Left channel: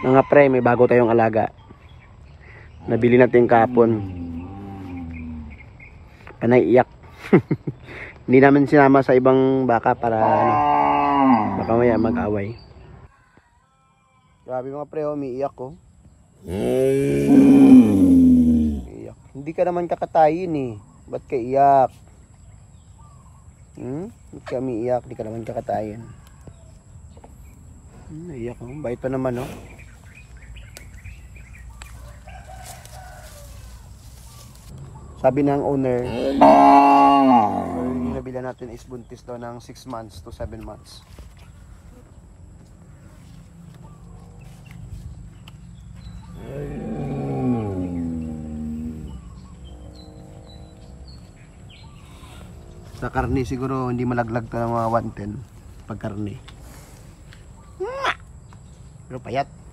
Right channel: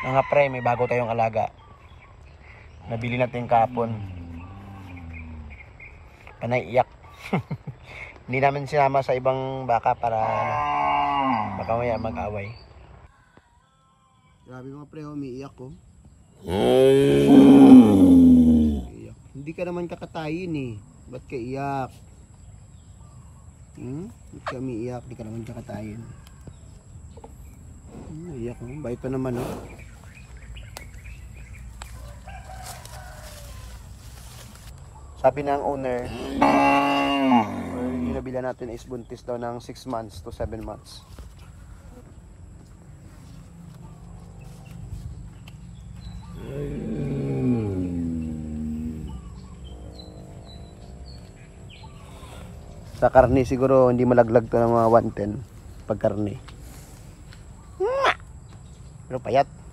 Mga pre, may bago tayong alaga. Nabili natin kahapon. Panay iyak. Hindi namin sinama sa ibang baka para baka maya mag-away. Grabe mga pre, umiiyak ko. Iyak. Hindi ka naman kakatayin eh. Ba't ka iyak? Ba't ka umiiyak? Hindi ka naman kakatayin. Iyak mo. Bait pa naman oh. Sabi ng owner, yung nabila natin is buntis daw ng 6 months to 7 months. Sa karne siguro hindi malaglag ka ng mga 110 pag karne. Pero payat.